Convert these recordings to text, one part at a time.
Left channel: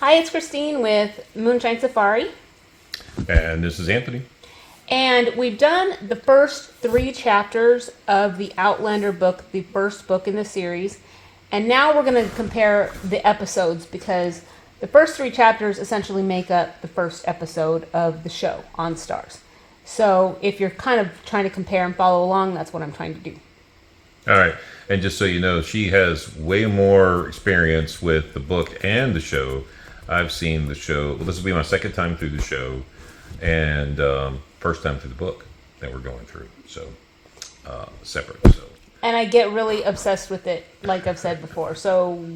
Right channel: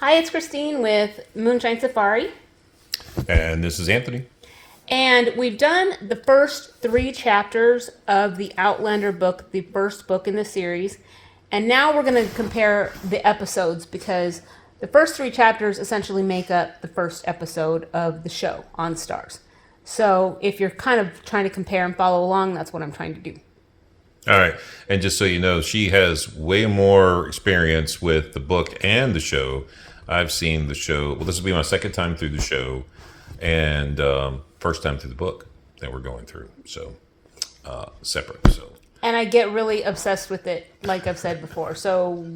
Hi, it's Christine with Moonshine Safari. And this is Anthony. And we've done the first 3 chapters of the Outlander book, the first book in the series. And now we're going to compare the episodes because the first 3 chapters essentially make up the first episode of the show on Stars. So if you're kind of trying to compare and follow along, that's what I'm trying to do. All right. And just so you know, she has way more experience with the book and the show. I've seen the show. Well, this will be my second time through the show and first time through the book that we're going through. So separate. So. And I get really obsessed with it, like I've said before. So,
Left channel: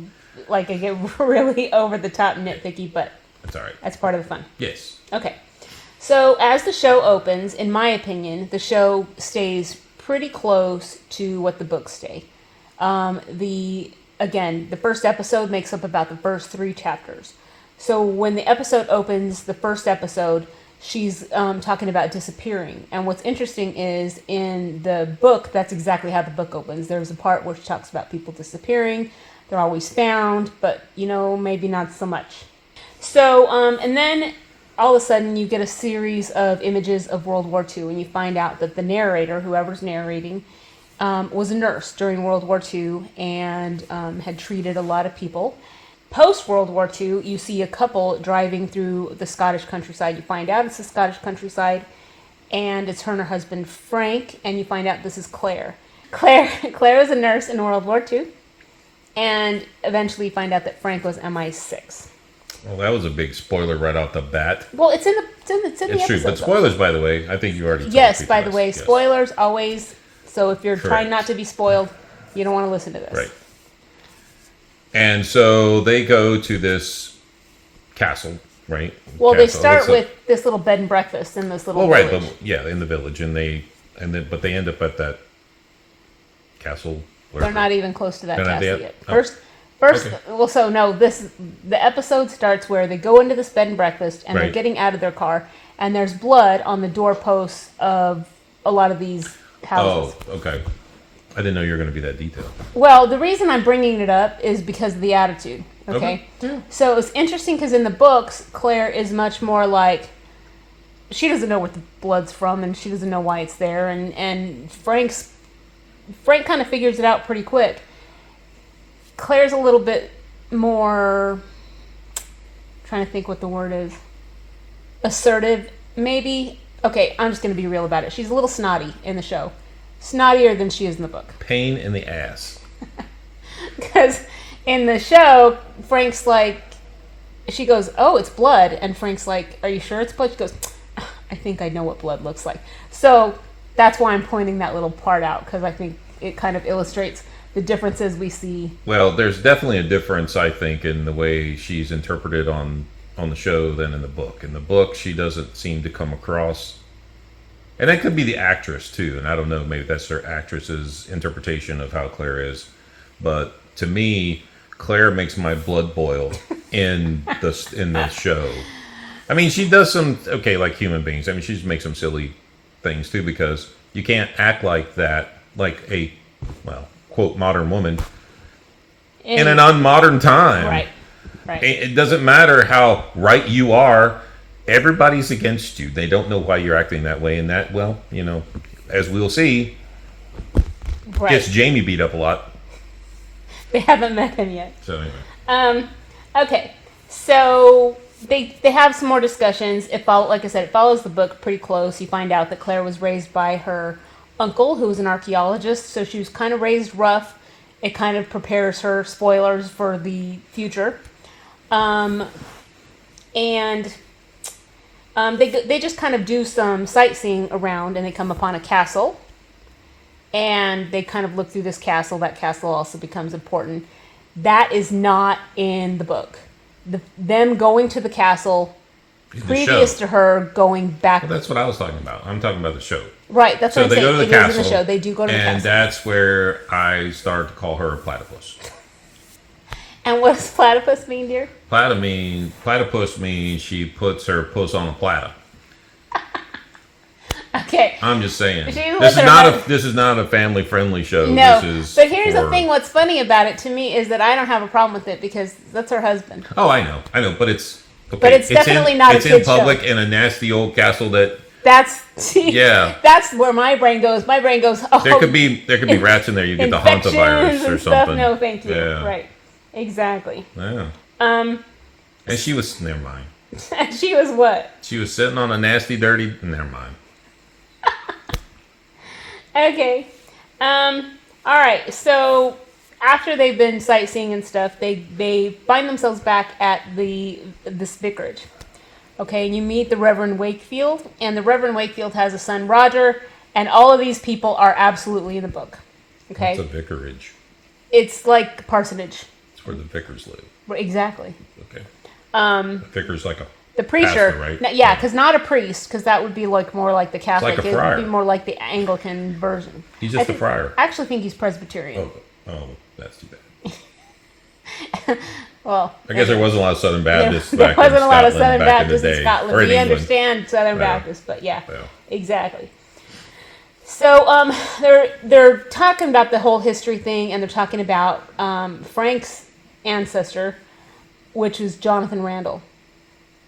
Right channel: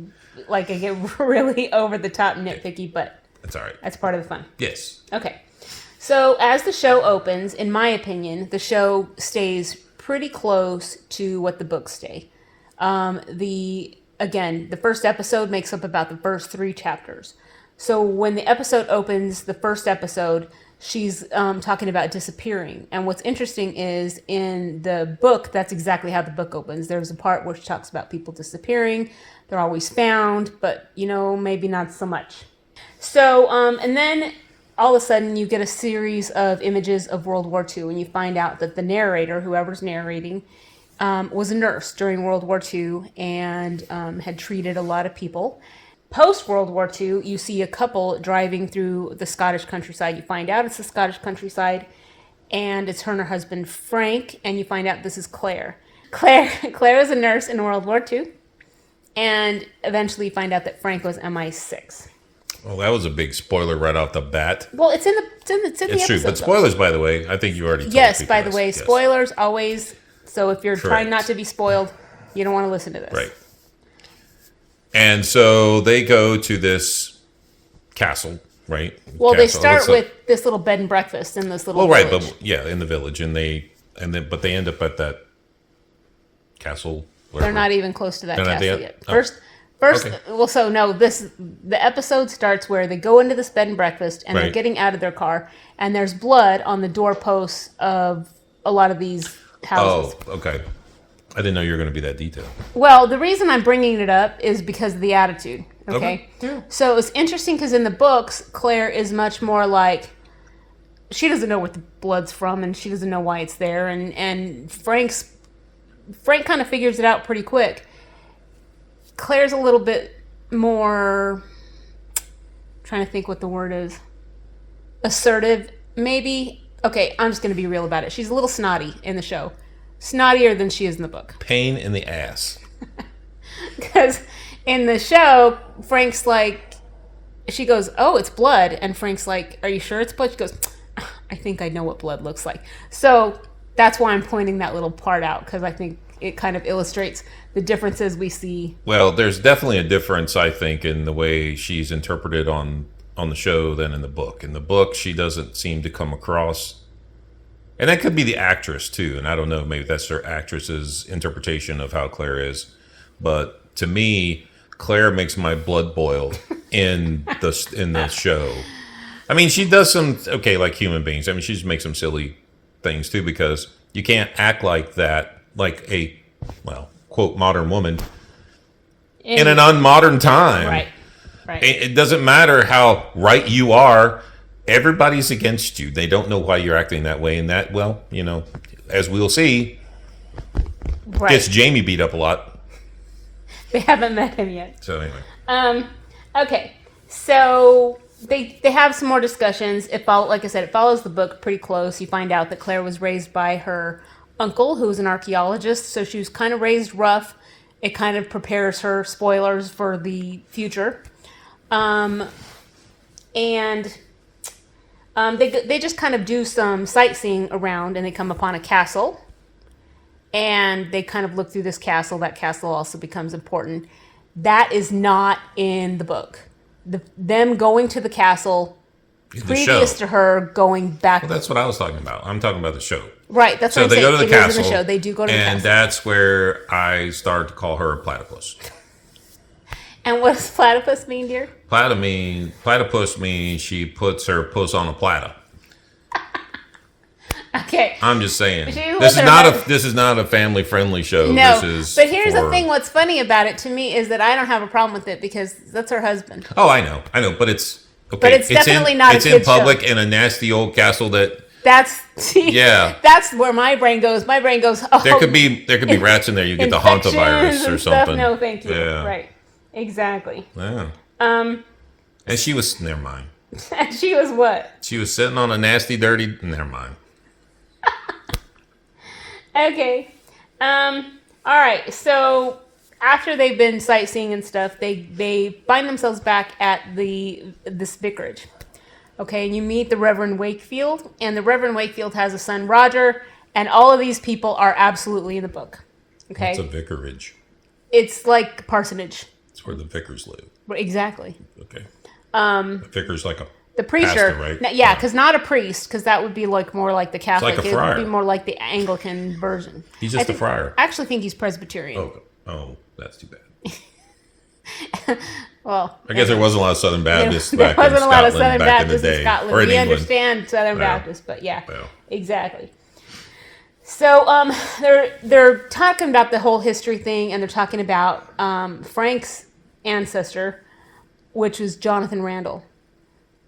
like, I get really over the top nitpicky, but that's all right. That's part of the fun. Yes. Okay. So, as the show opens, in my opinion, the show stays pretty close to what the books stay. The first episode makes up about the first 3 chapters. So when the episode opens, the first episode, she's talking about disappearing. And what's interesting is in the book, that's exactly how the book opens. There's a part where she talks about people disappearing. They're always found, but, maybe not so much. So, and then all of a sudden you get a series of images of World War II, and you find out that the narrator, whoever's narrating, was a nurse during World War II and had treated a lot of people. Post-World War II, you see a couple driving through the Scottish countryside. You find out it's the Scottish countryside, and it's her and her husband, Frank, and you find out this is Claire. Claire is a nurse in World War II, and eventually you find out that Frank was MI6. Well, that was a big spoiler right off the bat. Well, it's in the It's true, but spoilers, by the way, I think you already told Yes, people by the this. way, Yes. spoilers always. So if you're Correct. trying not to be spoiled, you don't want to listen to this. Right. And so they go to this castle, right? Well, Castle. they start with this little bed and breakfast in this little village. Right, but in the village, but they end up at that castle. They're not even close to that They're not castle there? yet. Oh. First, Okay. well, so no, the episode starts where they go into this bed and breakfast, and they're Right. getting out of their car, and there's blood on the doorposts of a lot of these houses. Oh, okay. I didn't know you were going to be that detailed. Well, the reason I'm bringing it up is because of the attitude. Okay. Yeah. So it's interesting because in the books, Claire is much more like she doesn't know what the blood's from, and she doesn't know why it's there, and Frank kind of figures it out pretty quick. Claire's a little bit more, trying to think what the word is, assertive, maybe. Okay, I'm just going to be real about it. She's a little snotty in the show. Snottier than she is in the book. Pain in the ass. Because in the show, Frank's like, she goes, "Oh, it's blood." And Frank's like, "Are you sure it's blood?" She goes, "I think I know what blood looks like." So that's why I'm pointing that little part out, because I think it kind of illustrates the differences we see. Well, there's definitely a difference, I think, in the way she's interpreted on the show than in the book. In the book, she doesn't seem to come across, and that could be the actress too, and I don't know, maybe that's her actress's interpretation of how Claire is, but to me, Claire makes my blood boil in the show. I mean, she does some, like human beings. I mean, she just makes some silly things too, because you can't act like that, like a, quote, modern woman in an unmodern time. Right. It doesn't matter how right you are. Everybody's against you. They don't know why you're acting that way. And that, as we'll see, gets Jamie beat up a lot. They haven't met him yet. So anyway. Okay. So they have some more discussions. Like I said, it follows the book pretty close. You find out that Claire was raised by her uncle, who was an archaeologist. So she was kind of raised rough. It kind of prepares her, spoilers, for the future. And they just kind of do some sightseeing around, and they come upon a castle. And they kind of look through this castle. That castle also becomes important. That is not in the book. Them going to the castle previous to her going back. Well, that's what I was talking about. I'm talking about the show. Right, that's what I'm saying. So they go to the castle. In the show. They do go to the castle. And that's where I start to call her a platypus. And what does platypus mean, dear? Platypus means she puts her puss on a platter. Okay. I'm just saying. She's This is with her not husband. a this is not a family friendly show. No, This is but here's the for- thing. What's funny about it to me is that I don't have a problem with it because that's her husband. Oh, I know, but it's okay. But it's definitely not a It's in kid's public show. in a nasty old castle that Yeah. That's where my brain goes. My brain goes. Oh, there could be rats in there. You get the infections hantavirus or and stuff. something. No, thank you. Yeah. Right. Exactly. Yeah. Um, And she was never mind. she was what? She was sitting on a nasty, dirty. Never mind. Okay. All right. So after they've been sightseeing and stuff, they find themselves back at this vicarage. Okay, and you meet the Reverend Wakefield, and the Reverend Wakefield has a son, Roger, and all of these people are absolutely in the book. Okay, It's a vicarage. it's like the parsonage. It's where the vicars live. Exactly. Okay. The vicar's like a The preacher, pastor, right? yeah, because not a priest, because that would be like more like the Catholic. like a It would friar. be more like the Anglican version. He's just I a friar. I actually think he's Presbyterian. Oh, that's too bad. Well, I guess there wasn't a lot of Southern Baptists there back wasn't in a lot of Scotland Southern back in the Baptists in day, Scotland. or in We England. understand Southern Yeah. Baptists, but yeah, Well. exactly. So they're talking about the whole history thing, and they're talking about Frank's ancestor, which was Jonathan Randall,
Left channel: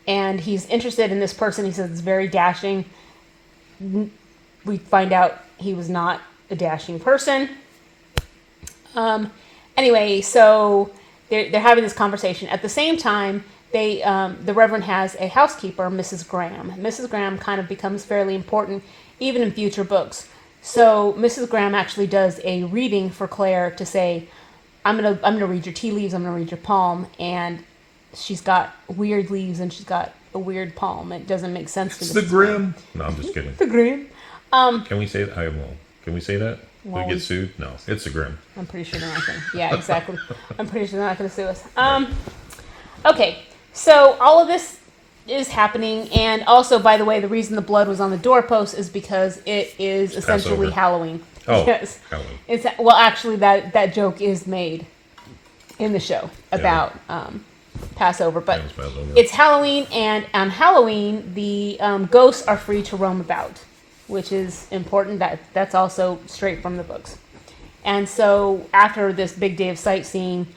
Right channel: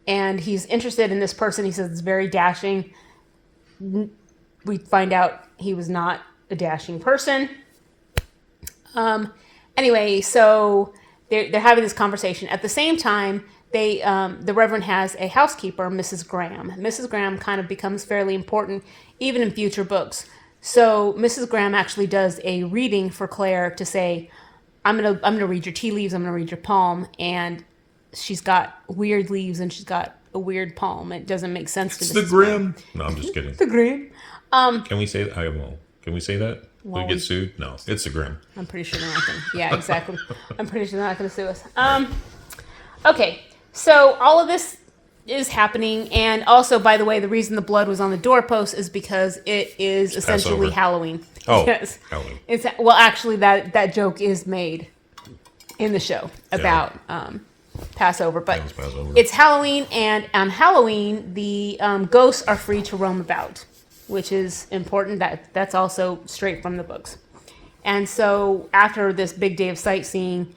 and he's interested in this person. He says it's very dashing. We find out he was not a dashing person. Anyway, so they're having this conversation. At the same time, the Reverend has a housekeeper, Mrs. Graham. Mrs. Graham kind of becomes fairly important even in future books. So Mrs. Graham actually does a reading for Claire to say, I'm gonna read your tea leaves, I'm gonna read your palm, and she's got weird leaves and she's got a weird palm. It doesn't make sense to It's me. the Grim. No, I'm just kidding. The Grim. Can we say that? I won't. Can we say that? Well, we get sued? No, it's the Grim. I'm pretty sure they're not going to. Yeah, exactly. I'm pretty sure they're not going to sue us. Okay, so all of this is happening, and also, by the way, the reason the blood was on the doorpost is because it is essentially Passover. Halloween. Oh, Yes. Halloween. It's well, actually, that joke is made in the show about Passover, but That was Passover. it's Halloween, and on Halloween, the ghosts are free to roam about, which is important. That's also straight from the books. And so after this big day of sightseeing,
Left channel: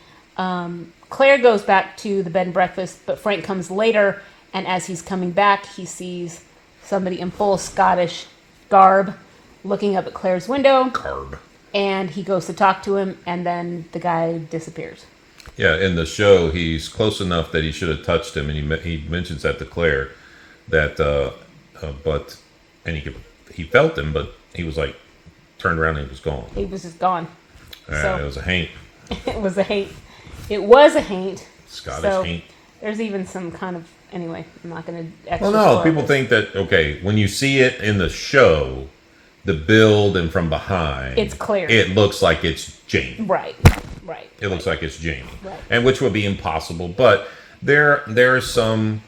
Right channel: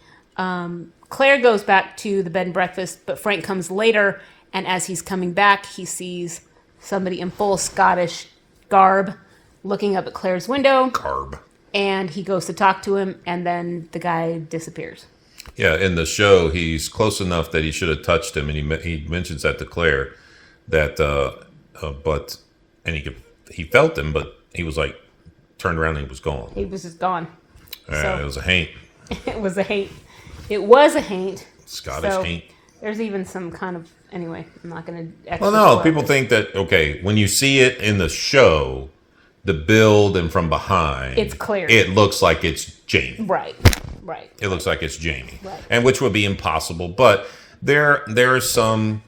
Claire goes back to the bed and breakfast, but Frank comes later, and as he's coming back, he sees somebody in full Scottish garb looking up at Claire's window, Carb. and he goes to talk to him, and then the guy disappears. Yeah, in the show, he's close enough that he should have touched him, and he mentions that to Claire, that but and he felt him, but he was like turned around and he was gone. He was just gone. So- It was a haint, It was a haint. It was a haint. Scottish So, haint. There's even some kind of anyway. I'm not going to. Well, no, people think that okay, when you see it in the show, the build and from behind, It's clear. It looks like it's Jamie. Right. It looks like it's Jamie, Right. and which would be impossible. But there is some.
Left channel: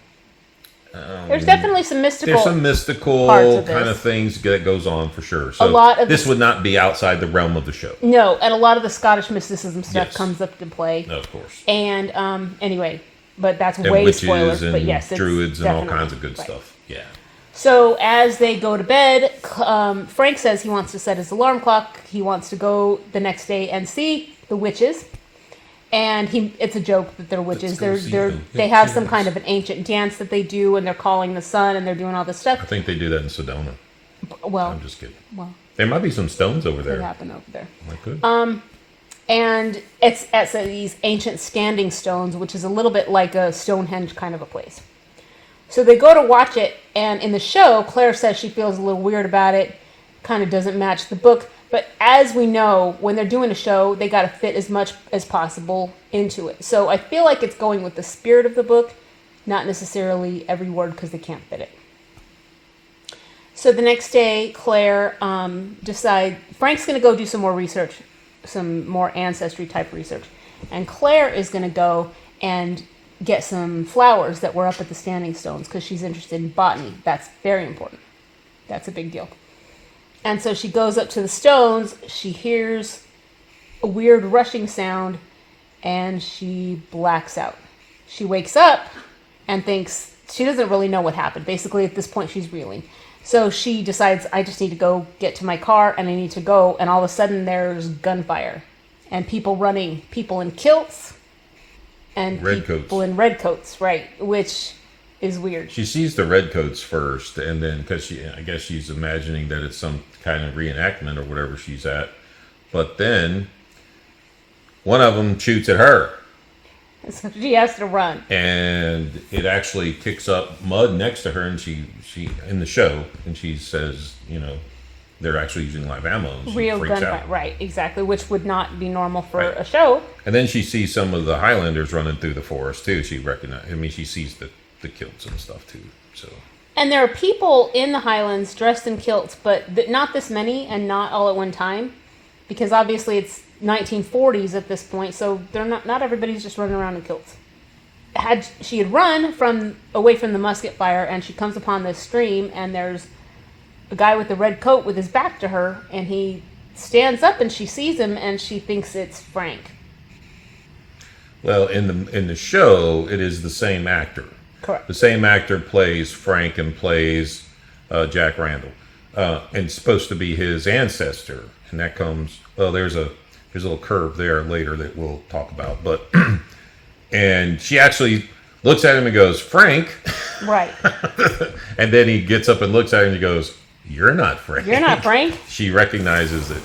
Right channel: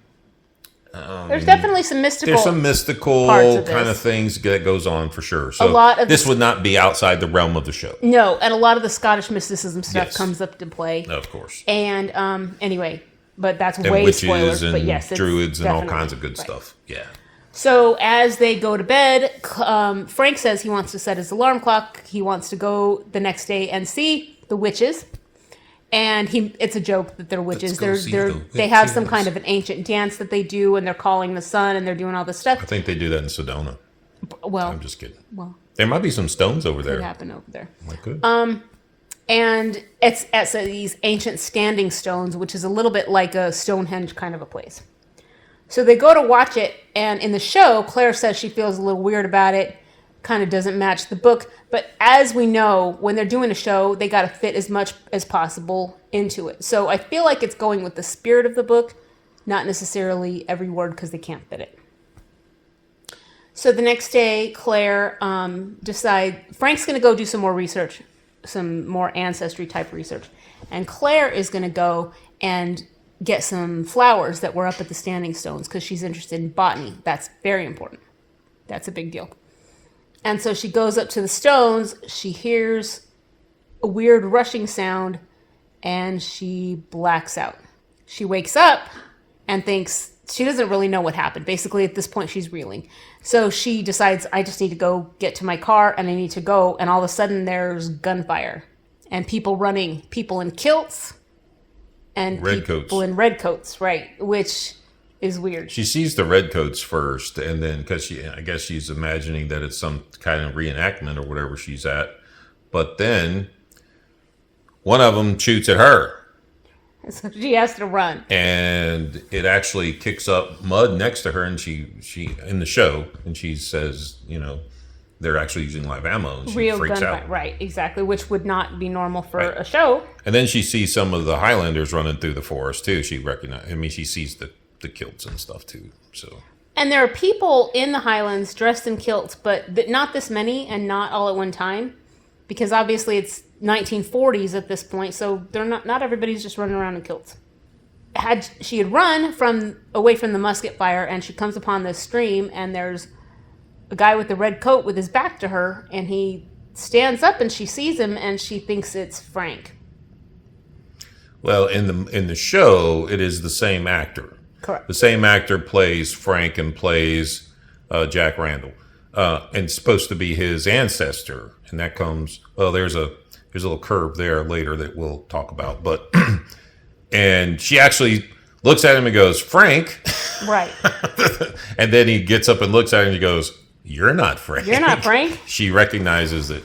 There's definitely some mystical. There's some mystical parts of kind this. of things that goes on for sure. So lot of this this- would not be outside the realm of the show. No, and a lot of the Scottish mysticism stuff Yes. comes up to play. Of course. And anyway, but that's And way witches spoilers. and But yes, it's druids and all definitely- kinds of good right. stuff. Yeah. So as they go to bed, Frank says he wants to set his alarm clock. He wants to go the next day and see the witches. And it's a joke that they're witches. Let's go see them. They Yeah, have see some them. kind of an ancient dance that they do, and they're calling the sun, and they're doing all this stuff. I think they do that in Sedona. Well, I'm just kidding. well, There might be some stones over it there. happened over there. Like good. And it's these ancient standing stones, which is a little bit like a Stonehenge kind of a place. So they go to watch it, and in the show, Claire says she feels a little weird about it, kind of doesn't match the book. But as we know, when they're doing a show, they got to fit as much as possible into it. So I feel like it's going with the spirit of the book, not necessarily every word because they can't fit it. So the next day, Claire decides Frank's going to go do some more research, some more ancestry type research. And Claire is going to go and get some flowers that were up at the standing stones because she's interested in botany. That's very important. That's a big deal. And so she goes up to the stones, she hears a weird rushing sound, and she blacks out. She wakes up and thinks she doesn't really know what happened. Basically, at this point, she's reeling. So she decides, I just need to go get to my car, and I need to go. And all of a sudden, there's gunfire and people running, people in kilts and people in red coats, right? Which is weird. She sees the redcoats first, and then because I guess she's imagining that it's some kind of reenactment or whatever she's at. But then one of them shoots at her. So she has to run, and it actually kicks up mud next to her, and she in the show, and she says, they're actually using live ammo. And she real freaks gunfire, out. right? Exactly, which would not be normal for a show. And then she sees some of the Highlanders running through the forest too. She sees the kilts and stuff too. So. And there are people in the Highlands dressed in kilts, but not this many, and not all at one time, because obviously it's 1940s at this point, so they're not everybody's just running around in kilts. She had run away from the musket fire, and she comes upon this stream, and there's a guy with a red coat with his back to her, and he stands up, and she sees him, and she thinks it's Frank. Well, in the show, it is the same actor. Correct. The same actor plays Frank and plays Jack Randall, and it's supposed to be his ancestor, and that comes. Well, there's a little curve there later that we'll talk about, but and she actually looks at him and goes, Frank. Right. And then he gets up and looks at her and he goes, you're not Frank. You're not Frank. She recognizes it.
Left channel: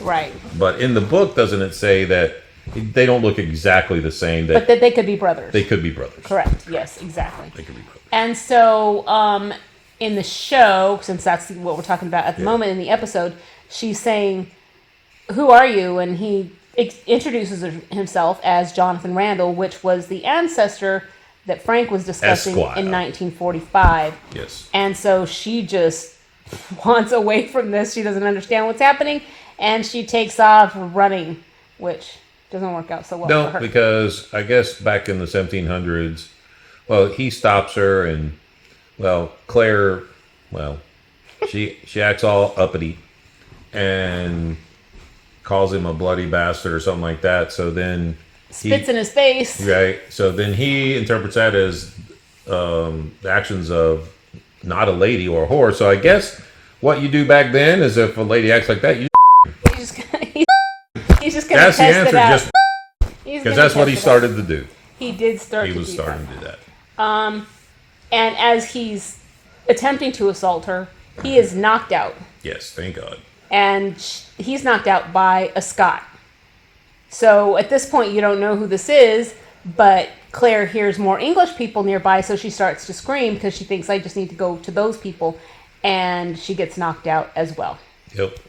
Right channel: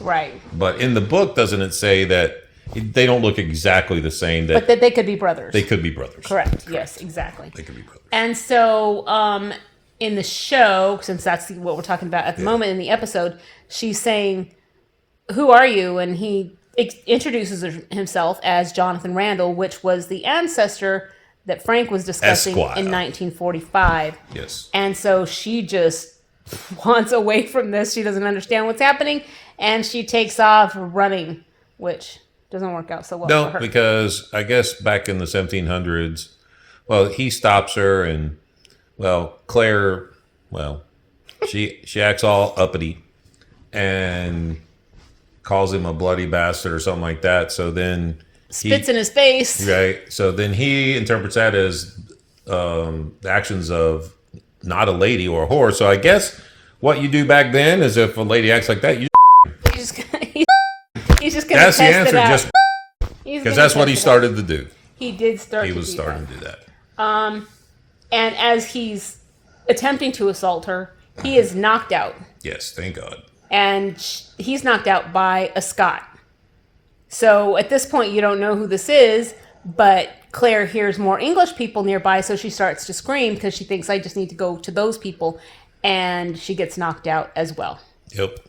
Right. But in the book, doesn't it say that they don't look exactly the same? But that they could be brothers. They could be brothers. Correct. Yes, exactly. They could be brothers. And so in the show, since that's what we're talking about at the moment in the episode, she's saying, who are you? And he introduces himself as Jonathan Randall, which was the ancestor that Frank was discussing Esquire. in 1945. Yes. And so she just wants away from this. She doesn't understand what's happening, and she takes off running, which doesn't work out so well for her. No, because I guess back in the 1700s, he stops her, and Claire, she acts all uppity and calls him a bloody bastard or something like that. So then spits in his face. Right. So then he interprets that as the actions of not a lady or a whore. So I guess what you do back then is if a lady acts like that, he's just going to test that's the answer. Just because that's what he started to do. He did start. He was starting to do that. And as he's attempting to assault her, he is knocked out. Yes, thank God. And he's knocked out by a Scot. So at this point, you don't know who this is, but Claire hears more English people nearby, so she starts to scream because she thinks, I just need to go to those people, and she gets knocked out as well. Yep.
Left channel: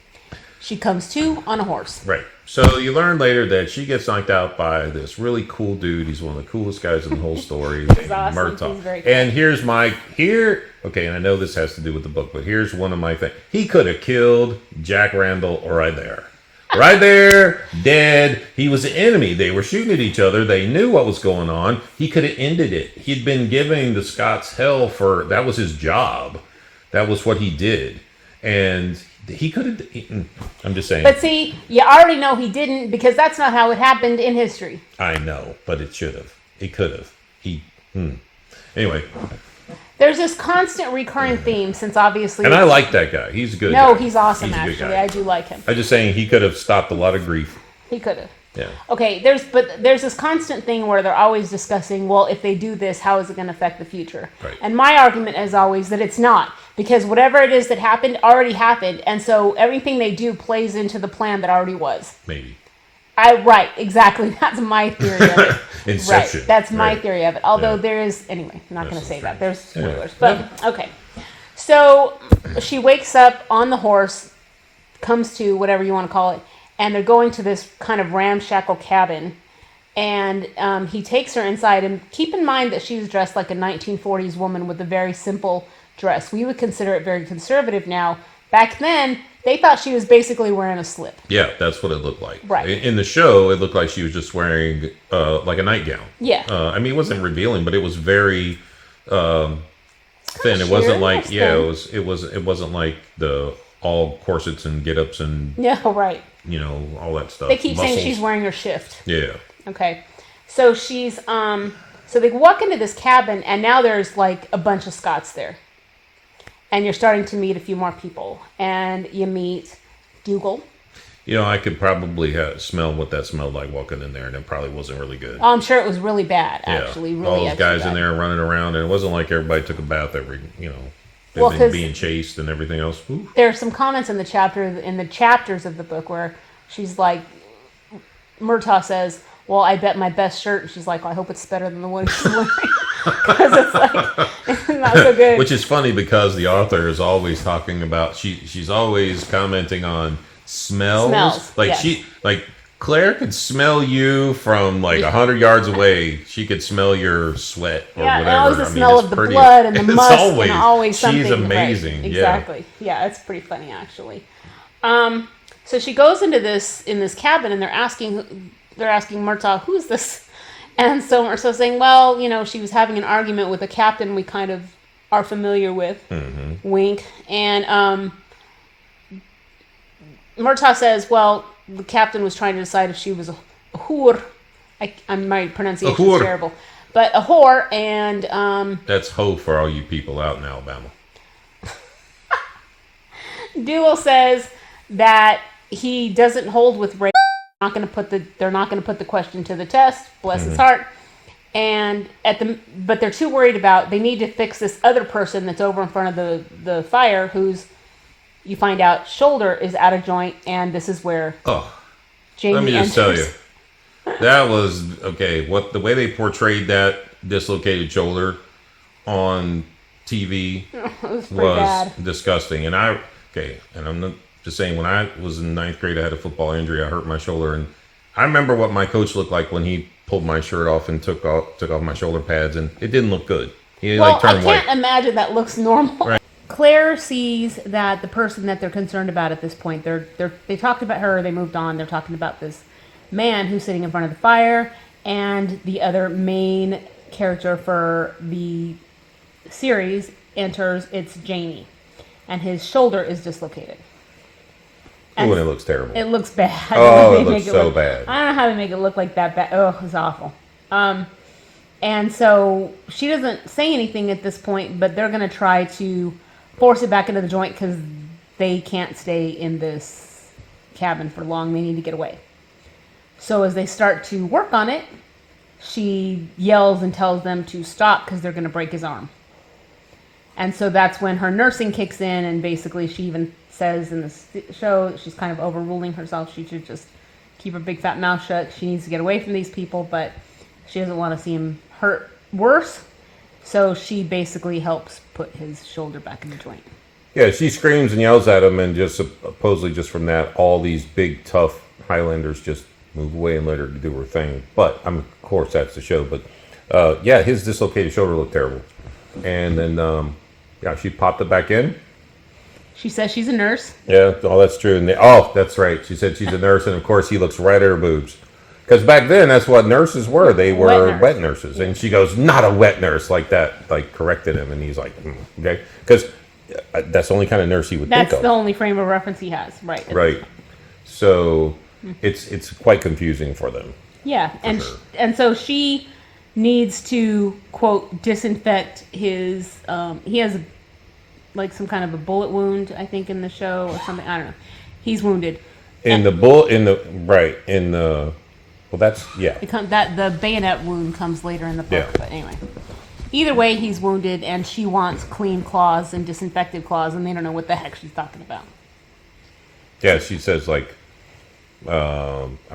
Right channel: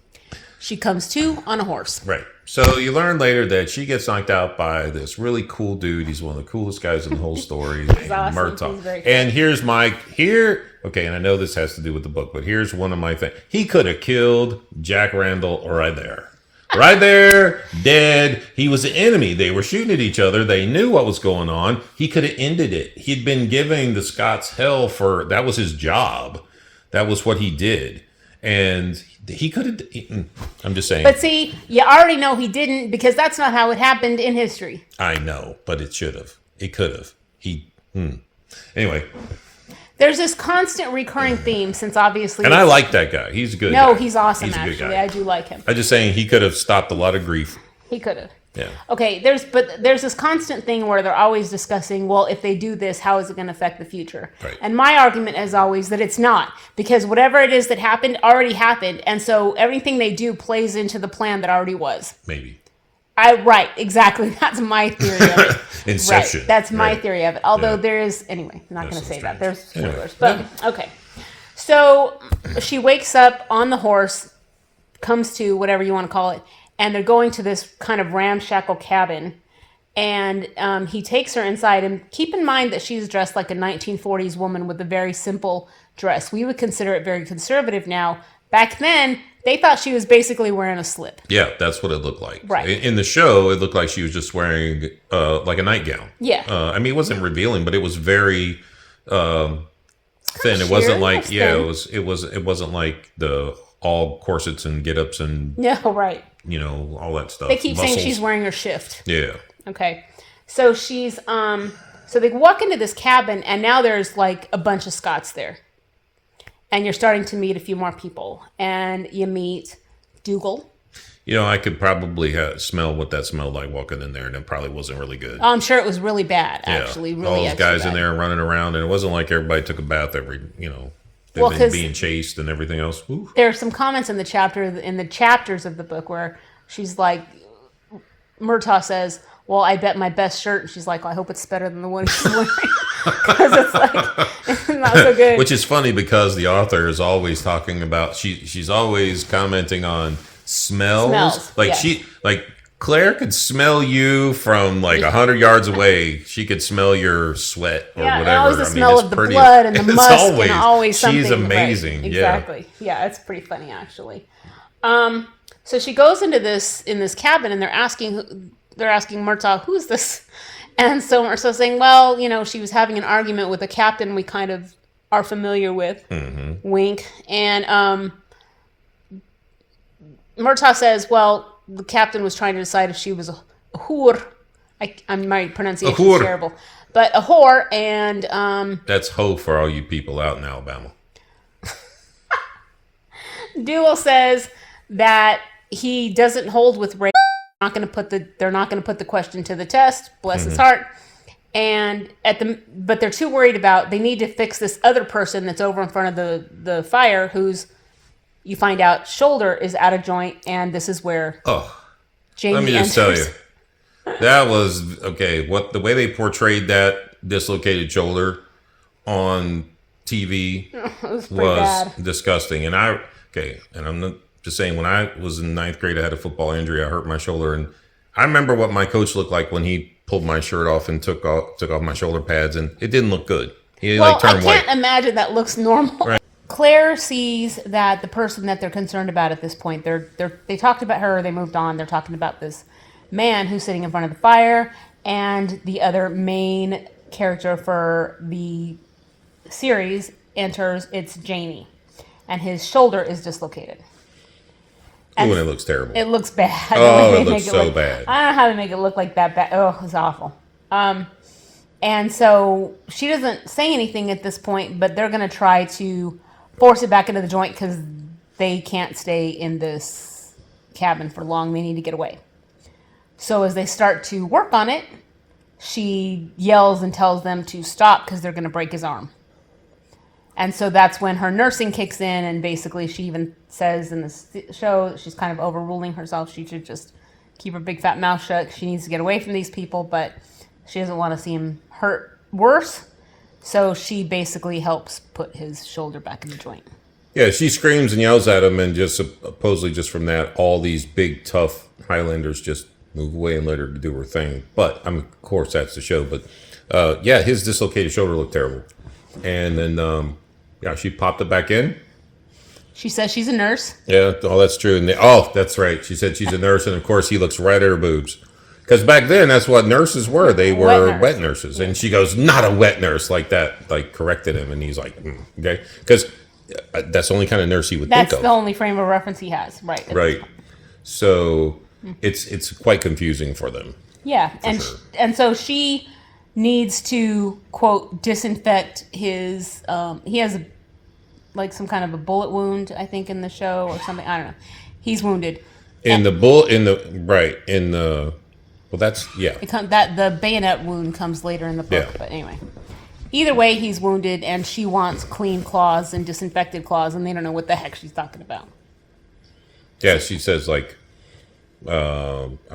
She comes to on a horse. Right. So you learn later that she gets knocked out by this really cool dude. He's one of the coolest guys in the whole story. He's awesome. Marital. He's very cool. And okay, and I know this has to do with the book, but here's one of my things. He could have killed Jack Randall right there. Right there, dead. He was the enemy. They were shooting at each other. They knew what was going on. He could have ended it. He'd been giving the Scots hell that was his job. That was what he did. And he could have, I'm just saying. But see, you already know he didn't, because that's not how it happened in history. I know, but it should have. It could have. Anyway. There's this constant recurring theme since obviously... And I like that guy. He's a good guy. No, he's awesome, He's a good actually. guy. I do like him. I'm just saying he could have stopped a lot of grief. He could have. Yeah. Okay, there's this constant thing where they're always discussing, well, if they do this, how is it going to affect the future? Right. And my argument is always that it's not, because whatever it is that happened already happened, and so everything they do plays into the plan that already was. Maybe. Right, exactly. That's my theory of it. Inception. Right, that's my Right. theory of it. Although Yeah. there is, anyway, I'm not going to say that. There's spoilers. Anyway. But, okay. So she wakes up on the horse, comes to whatever you want to call it, and they're going to this kind of ramshackle cabin. And he takes her inside. And keep in mind that she's dressed like a 1940s woman with a very simple dress. We would consider it very conservative now. Back then, they thought she was basically wearing a slip. Yeah, that's what it looked like. Right. In the show, it looked like she was just wearing like a nightgown. Yeah. I mean, it wasn't revealing, but it was very thin. It Sure, wasn't like thin. it wasn't like the all corsets and get-ups and Yeah, right. all that stuff. They keep saying Muscles. she's wearing her shift. Yeah. Okay. So she's So they walk into this cabin, and now there's like a bunch of Scots there. And you're starting to meet a few more people. And you meet Dougal. You know, I could probably smell what that smelled like walking in there, and it probably wasn't really good. I'm sure it was really bad, actually. Yeah. Really all those guys bad. in there running around, and it wasn't like everybody took a bath every, Well, and being chased and everything else. Ooh. There are some comments in the chapters of the book where she's like, Murtaugh says, well, I bet my best shirt. And she's like, well, I hope it's better than the one she's wearing. Because it's like, it's not so good. Which is funny because the author is always talking about, she's always commenting on smells. Like yes. Claire could smell you from like 100 yards away. She could smell your sweat or whatever. And always the smell of the blood and the musk always, and always something. She's amazing. Right, exactly. Yeah, it's pretty funny actually. So she goes into this cabin and they're asking Murtaugh, who's this? And so Murtaugh's saying, well, she was having an argument with a captain we kind of are familiar with. Mm-hmm. Wink. And Murtaugh says, well, the captain was trying to decide if she was a whore. My pronunciation is terrible. But a whore, and... That's hoe for all you people out in Alabama. Dougal says that he doesn't hold with race. They're not going to put the question to the test. Bless his heart. And but they're too worried about. They need to fix this other person that's over in front of the fire, who's, you find out, shoulder is out of joint, and this is where Jamie let me just enters. tell you, that was okay. The way they portrayed that dislocated shoulder on TV was disgusting. And I'm not just saying, when I was in ninth grade, I had a football injury. I hurt my shoulder, and I remember what my coach looked like when he pulled my shirt off and took off my shoulder pads, and it didn't look good. He I can't imagine that looks normal. Right. Claire sees that the person that they're concerned about at this point, they talked about her, they moved on, they're talking about this man who's sitting in front of the fire, and the other main character for the series enters. It's Jamie, and his shoulder is dislocated. And it looks terrible. It looks bad. Oh, it looks so bad. I don't know how to make it look like that bad. Oh, it's awful. And so she doesn't say anything at this point, but they're going to try to force it back into the joint because they can't stay in this cabin for long. They need to get away. So as they start to work on it, she yells and tells them to stop because they're going to break his arm. And so that's when her nursing kicks in, and basically she even says in the show that she's kind of overruling herself. She should just keep her big fat mouth shut. She needs to get away from these people, but she doesn't want to see him hurt worse. So she basically helps put his shoulder back in the joint. Yeah, she screams and yells at him, and just supposedly just from that, all these big, tough Highlanders just move away and let her do her thing. But, of course, that's the show. But, his dislocated shoulder looked terrible. And then, she popped it back in. She says she's a nurse. Yeah, that's true. And that's right. She said she's a nurse, and, of course, he looks right at her boobs. Because back then, that's what nurses were. They were wet nurses. And she goes, not a wet nurse, like that, like corrected him. And he's like, okay. Because that's the only kind of nurse he would think of. That's the only frame of reference he has, right. Right. So it's quite confusing for them. Yeah, and so she needs to, quote, disinfect his, he has some kind of a bullet wound, I think, in the show or something. I don't know. He's wounded. The bayonet wound comes later in the book, yeah. But anyway. Either way, he's wounded, and she wants clean claws and disinfected claws, and they don't know what the heck she's talking about. Yeah, she says, I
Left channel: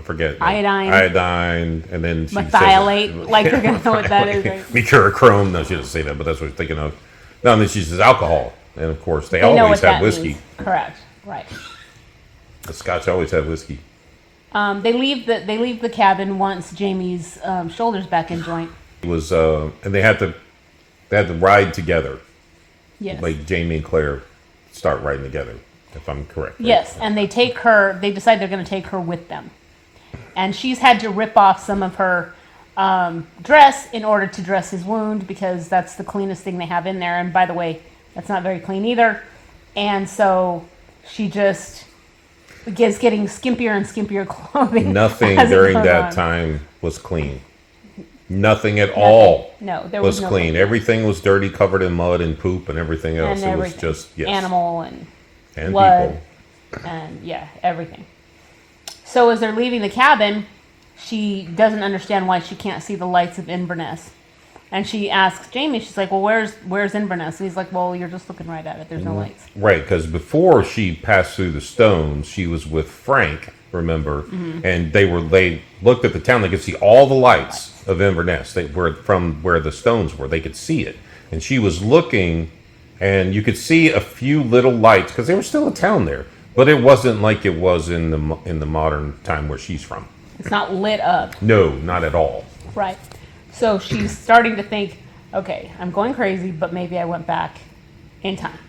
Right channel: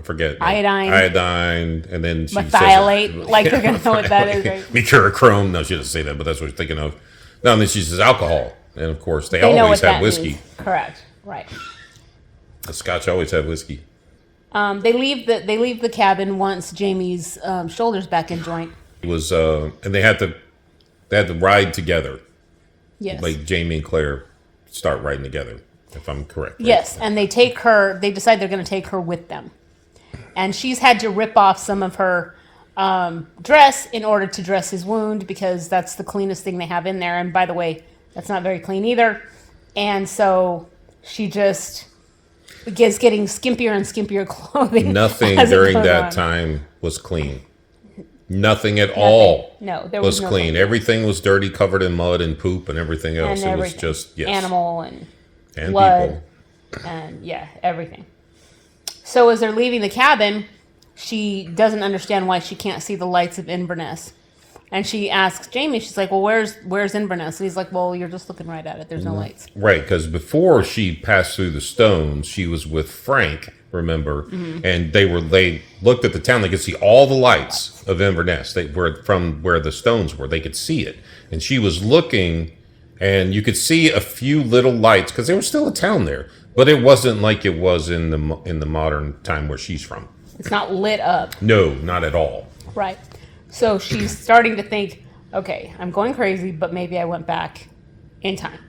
forget. Iodine, and then she methylate, says... like they're going to know what that is, right? Mercurochrome. No, she doesn't say that, but that's what she's thinking of. No, and then she says alcohol, and of course, they always have whiskey. Means. Correct, right. The Scotch always have whiskey. They leave the cabin once Jamie's shoulder's back in joint. It was, and they had to ride together. Yes. Like Jamie and Claire start riding together, if I'm correct. Yes, and they decide they're going to take her with them. And she's had to rip off some of her dress in order to dress his wound, because that's the cleanest thing they have in there. And by the way, that's not very clean either. And so she just is getting skimpier and skimpier clothing. Nothing during that time was clean. Nothing at all No, there was was no clean. clean. Everything was dirty, covered in mud and poop and everything else. And It was everything. just, yes. Animal and People. and yeah, everything. So as they're leaving the cabin, she doesn't understand why she can't see the lights of Inverness. And she asks Jamie, she's like, well, where's Inverness? And he's like, well, you're just looking right at it. There's no lights. Right, because before she passed through the stones, she was with Frank, remember? And they looked at the town. They could see all the lights of Inverness. They were from where the stones were. They could see it. And she was looking, and you could see a few little lights, because there was still a town there. But it wasn't like it was in the modern time where she's from. It's not lit up. No, not at all. Right. So she's starting to think, okay, I'm going crazy, but maybe I went back in time.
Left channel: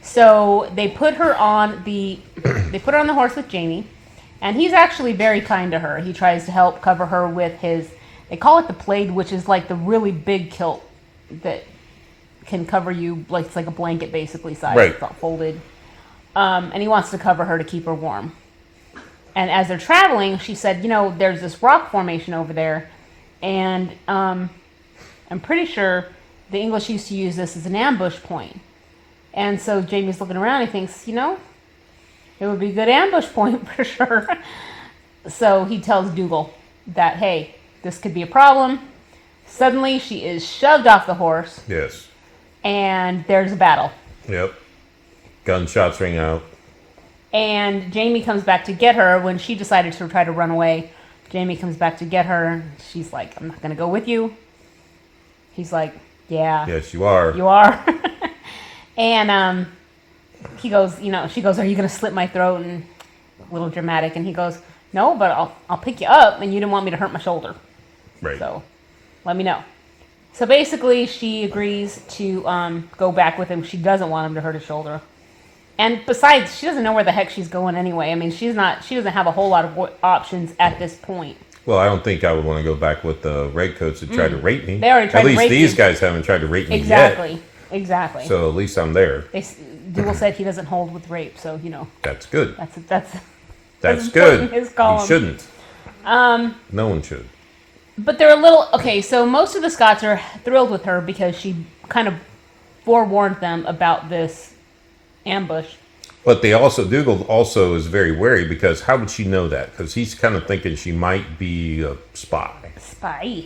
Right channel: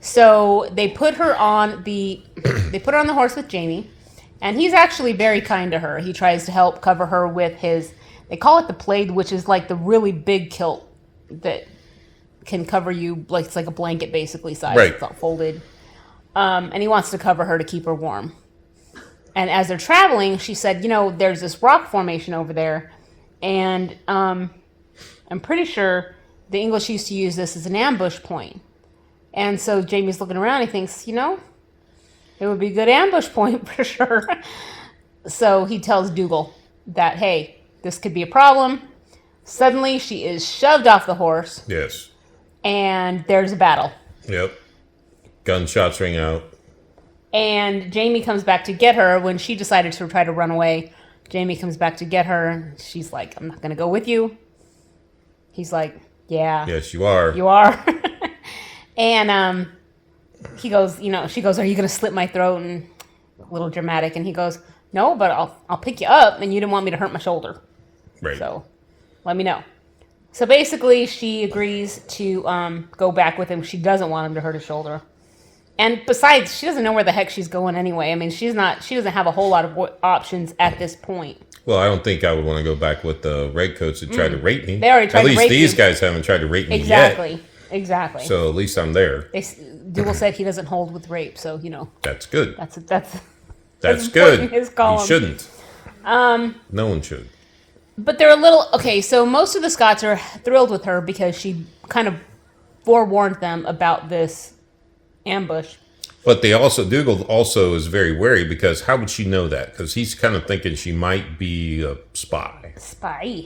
So they put her on the horse with Jamie, and he's actually very kind to her. He tries to help cover her with they call it the plaid, which is like the really big kilt that can cover you, like it's like a blanket basically size. Right. It's all folded. And he wants to cover her to keep her warm. And as they're traveling, she said, there's this rock formation over there. And I'm pretty sure the English used to use this as an ambush point. And so Jamie's looking around and he thinks, it would be a good ambush point for sure. So he tells Dougal that, hey, this could be a problem. Suddenly she is shoved off the horse. Yes. And there's a battle. Yep. Gunshots ring out. And Jamie comes back to get her when she decided to try to run away. Jamie comes back to get her. She's like, I'm not going to go with you. He's like, yeah. Yes, you are. You are. And he goes, she goes, are you going to slit my throat? And a little dramatic. And he goes, no, but I'll pick you up. And you didn't want me to hurt my shoulder. Right. So let me know. So basically she agrees to go back with him. She doesn't want him to hurt his shoulder. And besides, she doesn't know where the heck she's going anyway. I mean, she doesn't have a whole lot of options at this point. Well, I don't think I would want to go back with the redcoats that tried to rape me. They already tried to rape you. At least these guys haven't tried to rape me yet. Exactly. So at least I'm there. Dougal said he doesn't hold with rape, so That's good. That's good. In his column. He shouldn't. No one should. But they're a little okay. So most of the Scots are thrilled with her because she kind of forewarned them about this ambush. But Dougal also is very wary because how would she know that? Because he's kind of thinking she might be a spy. Spy.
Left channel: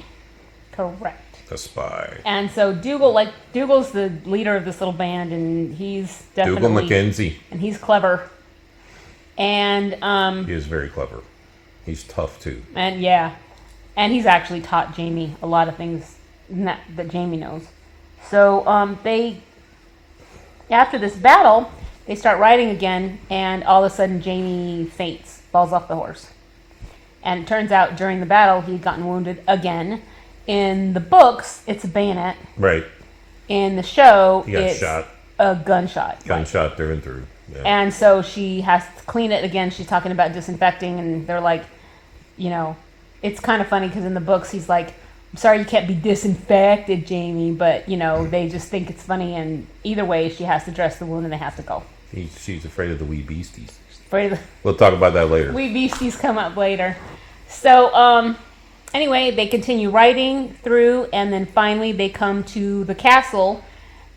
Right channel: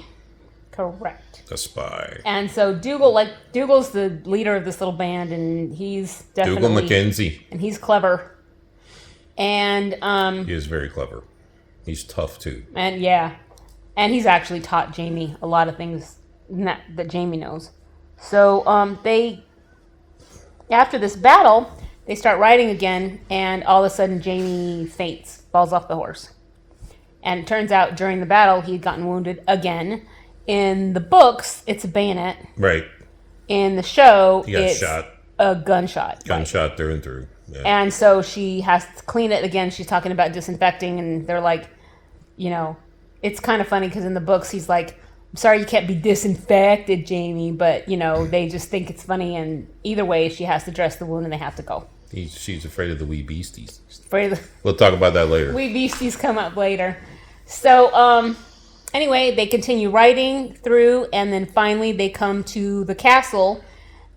Correct. A spy. And so Dougal's the leader of this little band, and he's definitely Dougal Mackenzie. And he's clever. And he is very clever. He's tough too. And and he's actually taught Jamie a lot of things that Jamie knows. So after this battle, they start riding again, and all of a sudden Jamie faints, falls off the horse. And it turns out during the battle he had gotten wounded again. In the books, it's a bayonet. Right. In the show, it's shot. A gunshot. Gunshot through and through. Yeah. And so she has to clean it again. She's talking about disinfecting, and they're like, it's kind of funny because in the books he's like, I'm sorry you can't be disinfected, Jamie, but, they just think it's funny, and either way, she has to dress the wound and they have to go. She's afraid of the wee beasties. Afraid of We'll talk about that later. Wee beasties come up later. So, anyway, they continue riding through, and then finally they come to the castle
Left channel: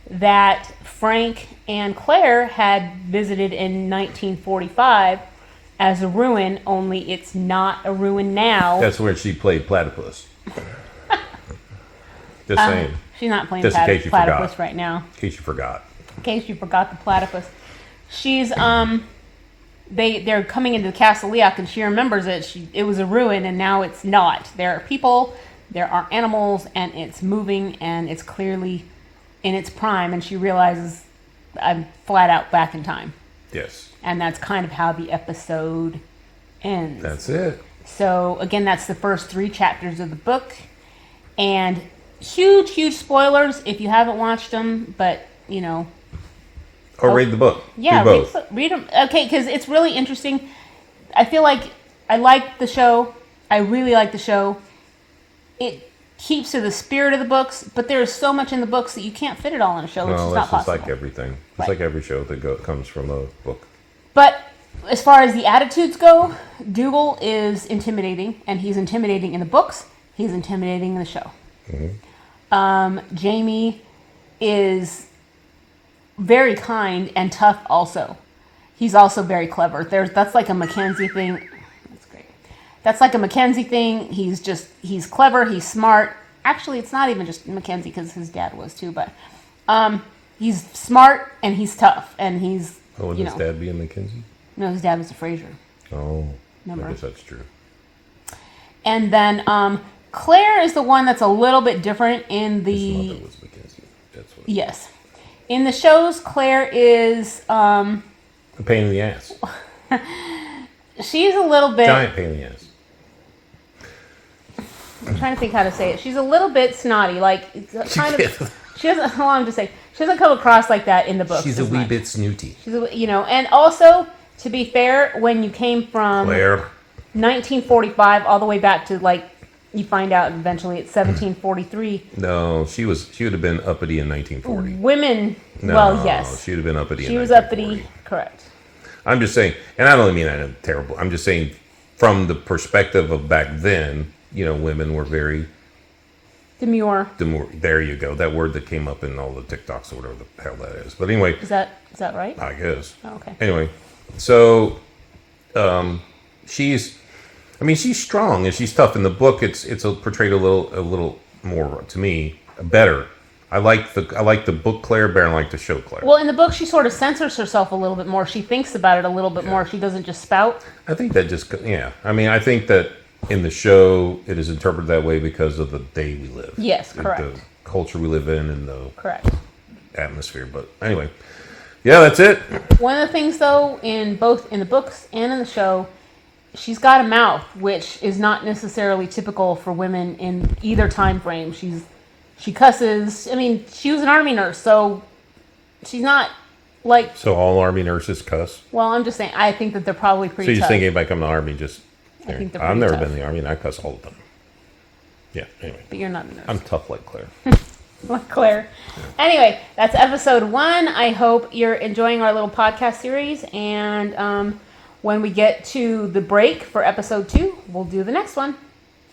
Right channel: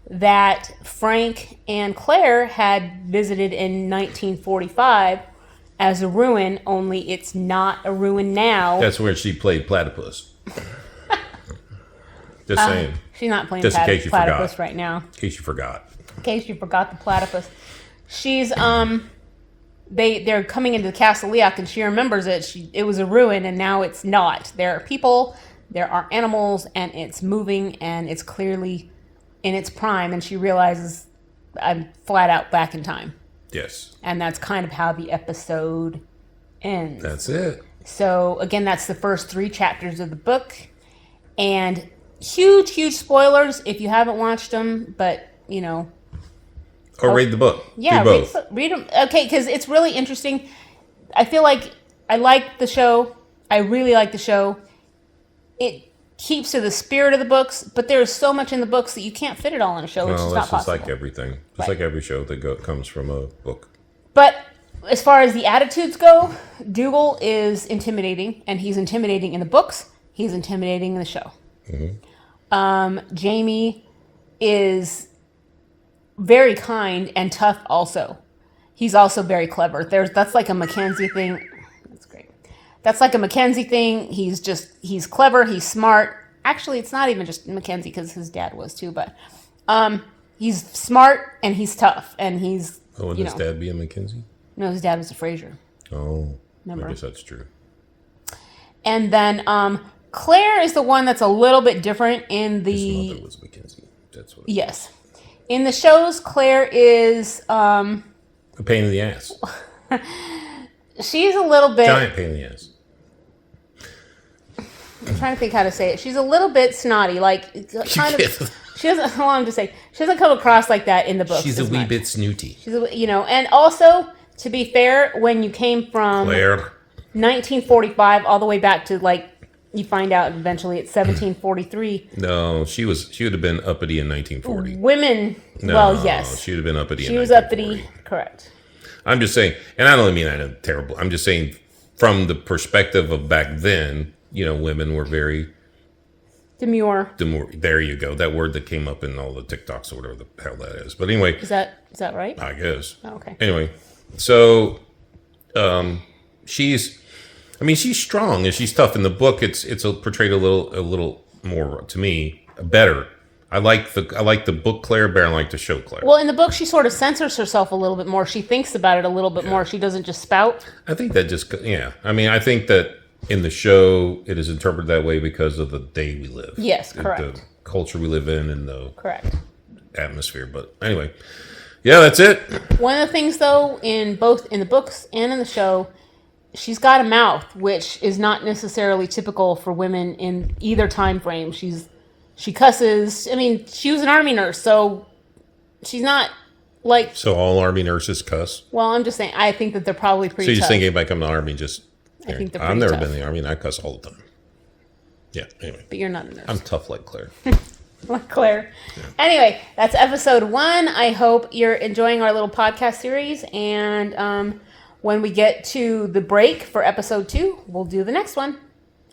that Frank and Claire had visited in 1945 as a ruin, only it's not a ruin now. That's where she played platypus. Just saying. She's not playing Just in case you platypus forgot. right now. In case you forgot. In case you forgot the platypus. She's they're coming into the Castle Leoch, and she remembers it was a ruin, and now it's not. There are people, there are animals, and it's moving, and it's clearly in its prime, and she realizes I'm flat out back in time. Yes. And that's kind of how the episode ends. That's it. So again, that's the first 3 chapters of the book, and huge spoilers if you haven't watched them, but Or read the book. Yeah, do both. read them. Okay, because it's really interesting. I feel like I like the show. I really like the show. It keeps to the spirit of the books, but there is so much in the books that you can't fit it all in a show, which is not possible. It's like everything. It's like every show that comes from a book. But as far as the attitudes go, Dougal is intimidating, and he's intimidating in the books, He's intimidating in the show. Jamie is very kind and tough also. He's also very clever. That's like a Mackenzie thing. That's great. That's like a Mackenzie thing. He's clever, he's smart. Actually, it's not even just Mackenzie because his dad was too, but he's smart and he's tough and he's, would his dad be a Mackenzie? No, his dad was a Fraser. Oh, Remember? I guess that's true. And then Claire is the one that's a little bit different in His the... mother was Mackenzie. That's what. Yes. In the shows, Claire is... A pain in the ass. she's a little bit... Giant pain in the ass. I'm trying to think how to say it. She's a little bit snotty. Like, kind of... She doesn't... Hold on, just say. She doesn't come across like that in the books. She's a wee bit snooty. She's and also, to be fair, when you came from... Claire. 1945 all the way back to, like, you find out eventually it's 1743. No, she would have been uppity in 1940. Women, No, well, yes. she would have been uppity She in was 1940. uppity, correct. I'm just saying, and I don't mean that in terrible. I'm just saying from the perspective of back then, women were very Demure. There you go. That word that came up in all the TikToks or whatever the hell that is. But anyway. Is that right? I guess. Oh, okay. Anyway, so she's strong and she's tough. In the book, it's portrayed a little more, to me, better. I like the book Claire better than I like the show Claire. Well, in the book, she sort of censors herself a little bit more. She thinks about it a little bit more. She doesn't just spout. I think that I think that in the show, it is interpreted that way because of the day we live. Yes, correct. The culture we live in and the correct atmosphere. But anyway, yeah, that's it. One of the things, though, in the books and in the show, she's got a mouth, which is not necessarily typical for women in either time frame. She cusses. I mean, she was an army nurse, so she's not like... So all army nurses cuss? Well, I'm just saying, I think that they're probably pretty So you're tough. thinking about coming to the army just... I think they're I've pretty never tough. been in the army and I cuss all the time. Yeah, anyway. But you're not a nurse. I'm tough like Claire. Like Claire. Anyway, that's episode 1. I hope you're enjoying our little podcast series. And when we get to the break for episode 2, we'll do the next one.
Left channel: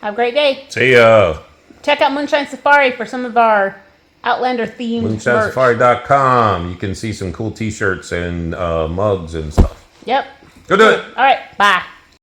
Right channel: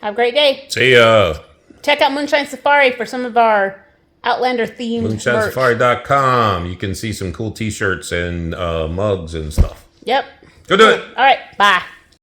Have a great day. See ya. Check out Moonshine Safari for some of our Outlander themed merch. MoonshineSafari.com. You can see some cool t-shirts and mugs and stuff. Yep. Go do it. All right. Bye.